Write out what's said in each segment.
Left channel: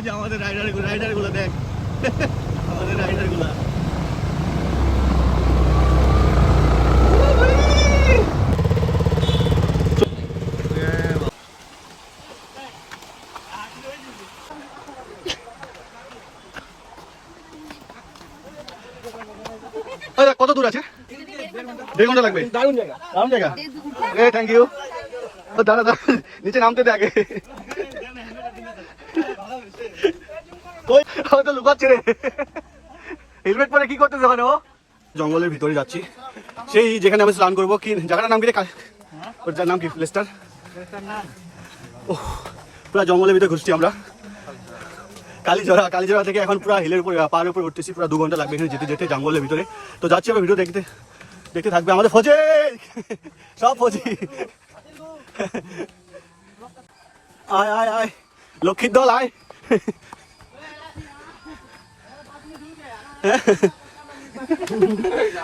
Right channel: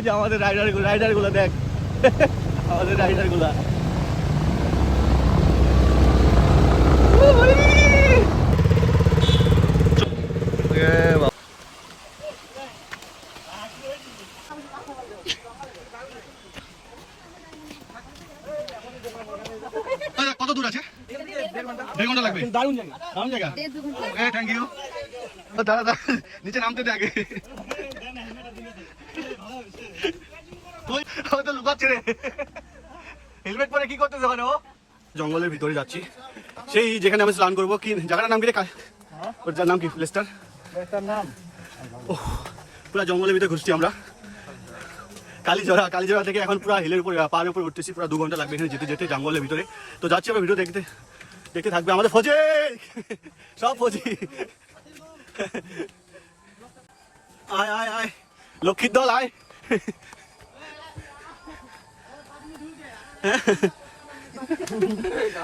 ওই যে আমাদের রাইডার গুলা দেখ, আমাদের রাইডার গুলা। কত দূর আছে? 1.5 ঘন্টা লাগবে। দারুণ জায়গা, দারুণ জায়গা। Thank you. দাঁড়া দাঁড়া, নিচে নামতে দে আগে। লুকাচ্ছে রে, হেলমেট পরে কি করতেছে ওখানে ও? জঙ্গলের ভিতরে যাচ্ছি, সেই যেখানে আমি স্নান করবো। কি জায়গাটার নাম কি রে? ওর নাম কি? লেস্টার। ও পুরা জঙ্গলের ভিতরে ঘুরছি আমরা। কালীজোড়া থেকে এখন পুরো হিলের উপরে, পাহাড়ের উপরে উঠতেছি। পুরো 2 ঘন্টা লাগবে এখানে যেতে যেতে জঙ্গলের ভিতরে। তো যাচ্ছি আমরা, ভিডিও দেখতে থাকবে। আমাদের ফৌজি, সব ফৌজি। আয় আয় আয়, লক্ষ্মীর দল আয়।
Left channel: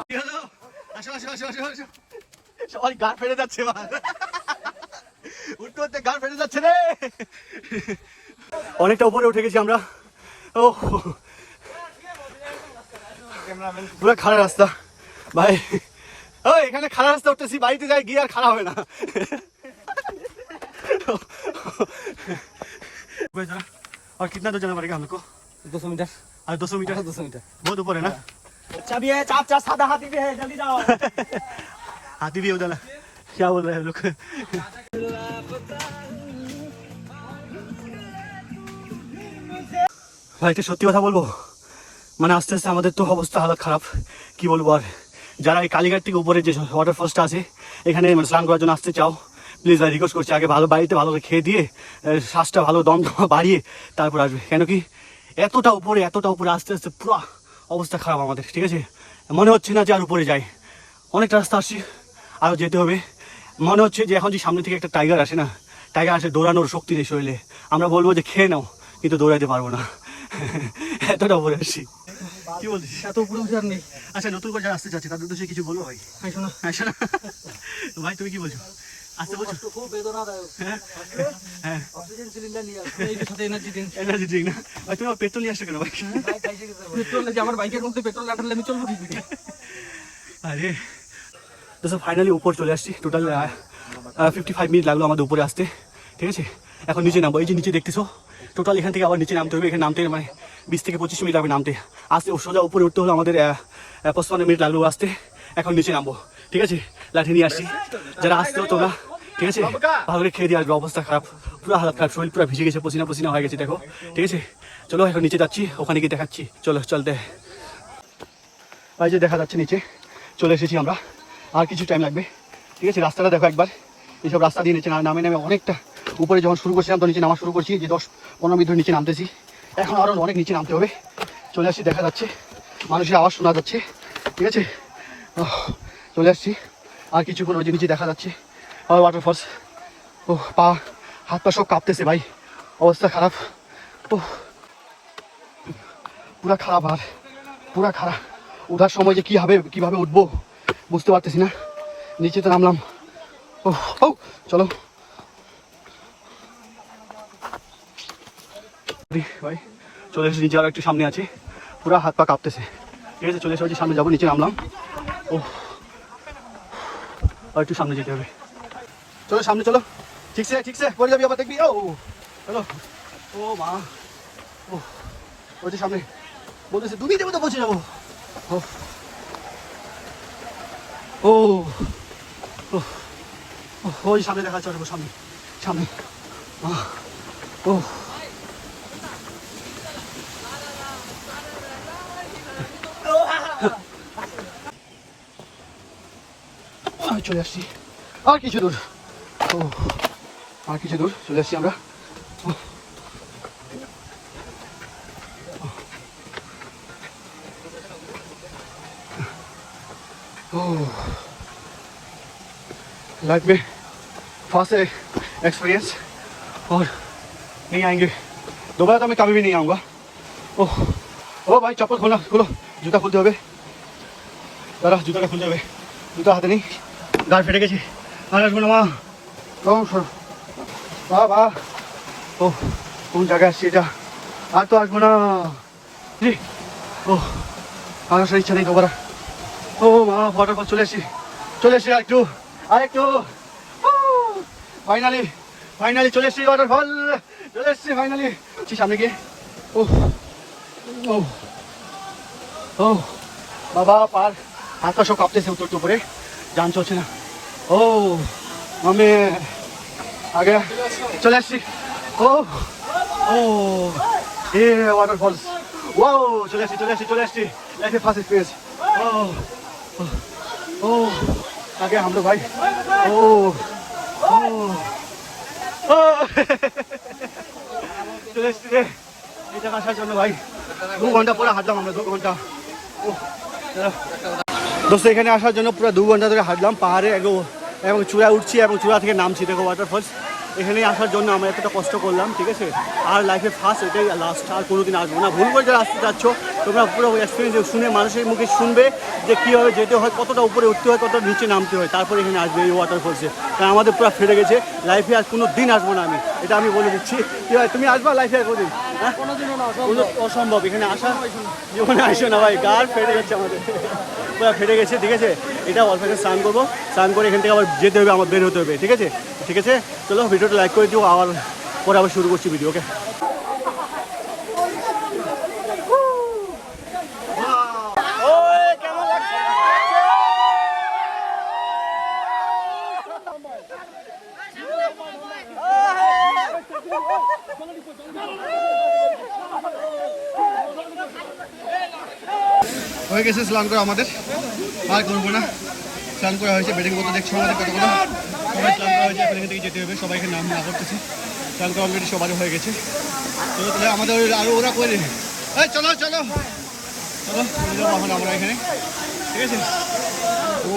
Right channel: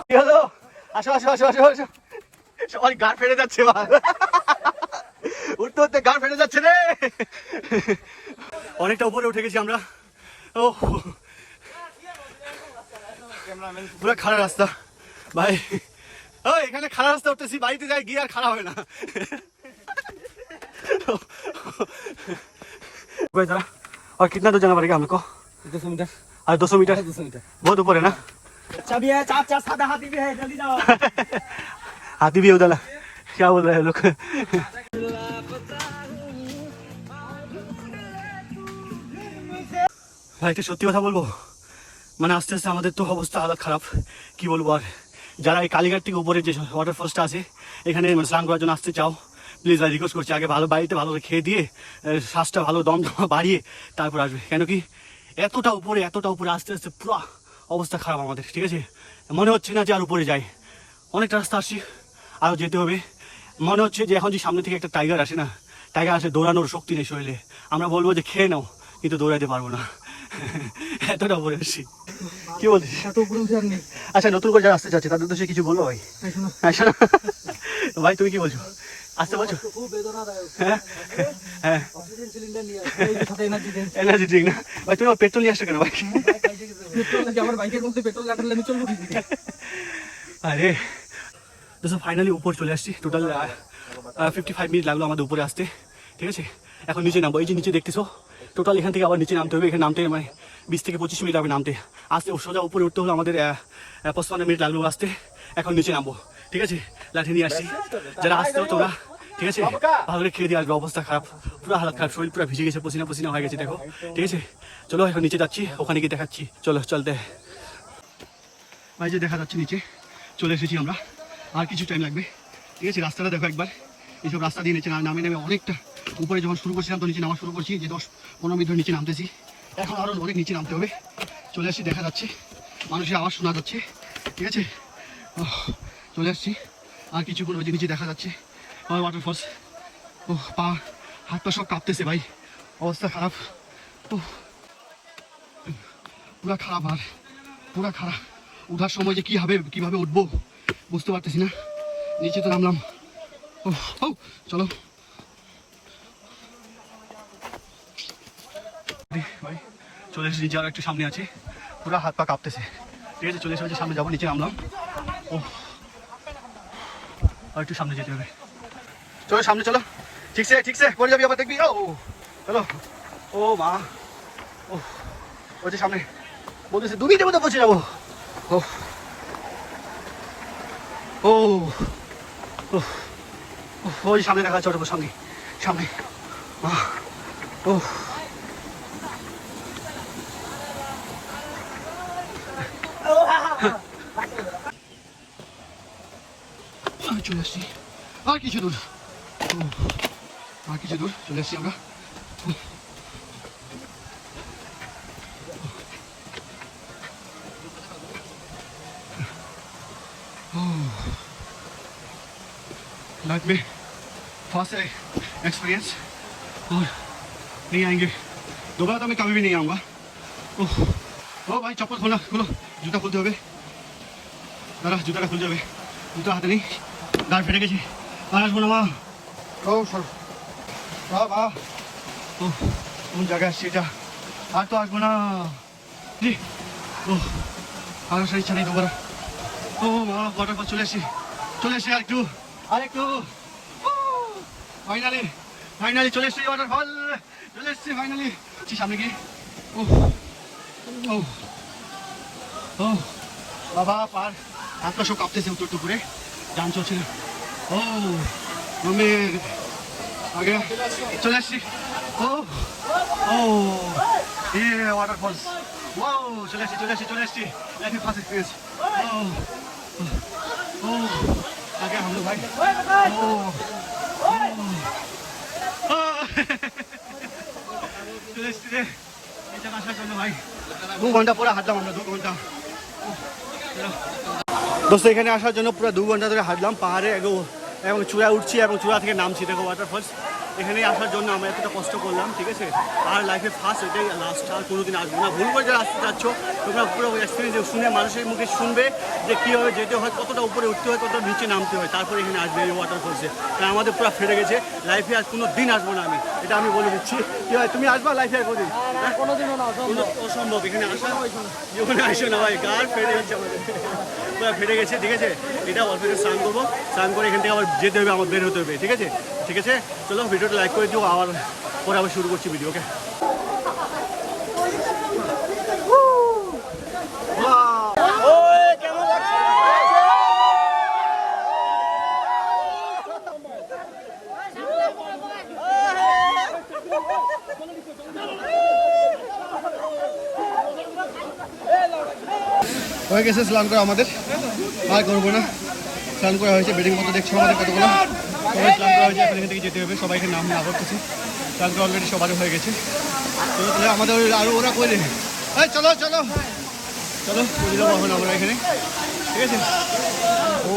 কি হলো? আসো আসো আসো আসো আসো। সবাই গান ফেটে যাচ্ছে, উঠতে উঠতে গান ফেটে যাচ্ছে রে। অনেকটা উপরে উঠে গেছি আমরা। ও পুরো খারাপ রাস্তা ভাই। ও এখানে খারাপ রাস্তা উঠতেছি, বাড়িতে যাই গিয়ে আর খারাপ হবে না। और कितना दूर जाना पड़ेगा हमको? 200 मीटर। 200 मीटर? 200 मीटर बहुत ऊपर है ना। अच्छा भी है, चार सादा हाथी भी है, जल्दी जाओ। हाथी भी है उधर, क्या बोल रहे हैं लोग? ভাই একটা সত্যি কথা বলবো, মানে আস্তে আস্তে আমাদের তো অবস্থা হালত খারাপ, কি বলবো আর। যারা এই কালীঘাট থেকে উপরে যে ওয়াটারফলসটা আছে এখানে স্নান করার জন্য আসতে চাও, প্লিজ ভাই রিকোয়েস্ট করছি, আগে ভালো বাড়িতে ভালো খেয়ে দিয়ে শ্বাসটা ভালো দম বাড়িয়ে তারপর আসবে। কেন কি এতটা উপরে আস্তে আস্তে পুরো অবস্থা খারাপ আমাদের, ঠিক আছে? মনে হচ্ছে না যে আর উপরে যাই, অনেকটা রাস্তা আসছি, আরও যেতে হবে। মনে হচ্ছে যে এখন যে সামনে থেকে একটা টাইগার আসে না, টাইগার আসে, দৌড়ানোর শক্তি নেই শরীরে। আমরা বলবো যে খেয়ে নাও, কিন্তু দৌড়াইতে পারবো না, এতটা উপরে আসছি। কি বলছিস? আচ্ছা নতুন করে যারা আসতে চাচ্ছে তাদের উদ্দেশ্যে কিছু বলবো ভাই? ভাই তুমি কি বলছো? আসতে বলছো? হ্যাঁ এনার্জি ড্রিঙ্ক না ভাই, তুমি পেট্রোল নিয়ে আসছো কেন ভাই? আমার বাইকের মধ্যে পেট্রোল না থাকলে আমি চলবো কি? আরে তো ফাইনালি উপর চলে আসছি। টোটাল 55 মিনিট লাগলো আমাদের উপরে আসতে, ঠিক আছে? এখন নিচে নামবো। এই যে নিচে দেখতেছো, টোটাল এখান থেকে আবার নিচে নামতে হবে। এখানে নামতে মানে 20 থেকে 25 মিনিট লাগবে নামতে। আসতে সোজা উপরে উঠতে হলো আমাদের 55 মিনিট লাগলো আসতে। এখন নিচে নামবো, ঠিক আছে? লাঠি নিয়ে আসছি, যারা আসতে হতো না, ঠিক আছে? ভালো করে খেয়ে দিয়ে আসবে। অবস্থা খারাপ, পুরো হালাত খারাপ, শরীর পুরো ভিজে গেছে, পসিনা হয়ে গেছে দেখো, ঠিক আছে? চলো এখন নিচে যাচ্ছি, ওখানে গিয়ে দেখাচ্ছি। চলো চলতে ভাই, যে দেখা যাচ্ছে নিচে চলে এসেছি আমরা। আর কিছু টাইম লাগবে, ঠিক আছে? রাস্তাটা দেখো একবার, এইসব রাস্তা দিয়ে নিচে নামে অনেকটা উপরে যখন শুরু করছিলাম তো নিচে নামা শুরু করছি, যে 10-15 মিনিট ধরে নিচে নামতেছি। এখন আরও অনেক নিচে নামতে হবে। চলে আসছি, দেখা যাচ্ছে মানুষের আওয়াজ শোনা যাচ্ছে, ঠিক আছে? চলে আসছি, আর কিছুক্ষণ ওই যে নিচে দেখা যাচ্ছে ওয়াটারফলস। ও হাত পা সব কাঁপতেছে ভাই, অবস্থা খারাপ। ও পুরা খারাপ, আর পুরা খারাপ। ওঠার সময় যে কিভাবে উঠবো বুঝতে পারতেছি না। নিচে তো নামলাম। ও চলো ভাই, চলে এসেছি নিচে, আর একটু সামনে আছে, পুরা হাত পা কাঁপতেছে, ঠিক আছে? চলে এসেছি, সামনে যাবো, নিচে নামলাম। ও আর একটু সামনে যেতে হবে। চলো সামনে চলো, ঠিকছে পড়ে যাবি আবার, দেখবি। ও চলো। ও মা, ও ওই যে সামনে বলতেছে 2 মিনিটের মধ্যে পৌঁছে যাবো। ও ও ওই সামনে দেখা যাচ্ছে, ওটা সামনে। ও আমি চলে আসছি, আর কিছু দূর চলে আসছি আমরা। लाइफ में फर्स्ट एक्सपीरियंस, और नहीं आएंगे दोबारा, तो मैं कभी भी नहीं आऊँगा। ओ भाई चप्पल खोलो, जूता खुलते হবে, দাঁড়া জুতাটা খুলে যাবে, জুতা হাতে নেই, গাড় ফেটে গেছি, আর আসবো না মা। ও বাবা, ও কোন জায়গায় আসছি এটা? আর তো আসবো না জি। ও আমার সেই ইচ্ছা নেই তোমার। ও মা ওয়াটারফল চলে এসছি আরেকটু ফাইনালি চলে এসছি ওয়াটারফল, চলে এসছি ফাইনালি। সামনে গিয়ে ও ও ও বাবা পার হাত পা সব কাঁপতেছে উত্তর উপরে, জান চলছে না। ও আমি আগে চলে আসছি। ও ও এ ওয়াটারফলস, ও চলে আসছি লাইফে ফার্স্ট এক্সপিরিয়েंस। ओ आगे हम लोग भाई। ओ ओ চলে এসছি রে এই জায়গা আসার জন্য ভাই 2 ঘন্টা পুরো হাঁটলাম আমরা, 2 ঘন্টা। দোস্ত এখানে আসার জন্য পুরো 2 ঘন্টা ধরে হাঁটলাম পাহাড়ে এবং চূড়ায় উঠছি এবং চূড়া থেকে নামছি। দেখো ওয়াটারফলস, এখানে আসার জন্য আমরা এতটা কষ্ট করলাম, ঠিক আছে। আর লাইফে ফার্স্ট, এটাই লাস্ট, আর কোনোদিন আসবো না। ভুল করে যারা আসতে যাচ্ছ তোমরা পুরো এক্সপিরিয়েন্স শুনে মানুষের মুখে শুনবে যে কীভাবে যেতে হয়, কতটা উপরে উঠতে হয়, কতটা নিচে নামতে হয়, তারপরে এখানে আসবে এই ওয়াটারফলসে। কারণ আমাদের পুরো ফেটে গেছে, লাইফে আর কোনো দিন আসবো না আমি, এটা আমি বলে দিচ্ছি। কি হয় তুমি আসবা লাইফে আর কোনোদিন? অসম্ভব, এখানে আসা জীবনে আসো না ভাই, গাড় ফেটে যাচ্ছে আমাদের, পুরো ফেটে গেছে, ঠিক আছে। এটা অল্প একটু স্নান করবো, স্নান করে এখান থেকে আবার যেতে হবে, আমার বের হতে হবে, ঠিক আছে। ঠিক আছে চলো ভিডিওটা লাইক করে দিও, আবার পরে আবার শুরু করছি ভিডিও, ওকে। হয়ে গেছে স্নান করা আমাদের, আর করবো না। স্নান করা হয়েছে, বেডিং মতো দেখছো আমাদের কতগুলো সবাই স্নান করা হয়েছে, এখান থেকে যেতে হবে, সবাইকে নাম না করতেছি। স্নান করা অলরেডি সবারই হয়ে গেছে। চলো তাহলে আমাদের আরো ওরা করে চলো চলো চলো আমরা এখানে, ঠিক আছে। ও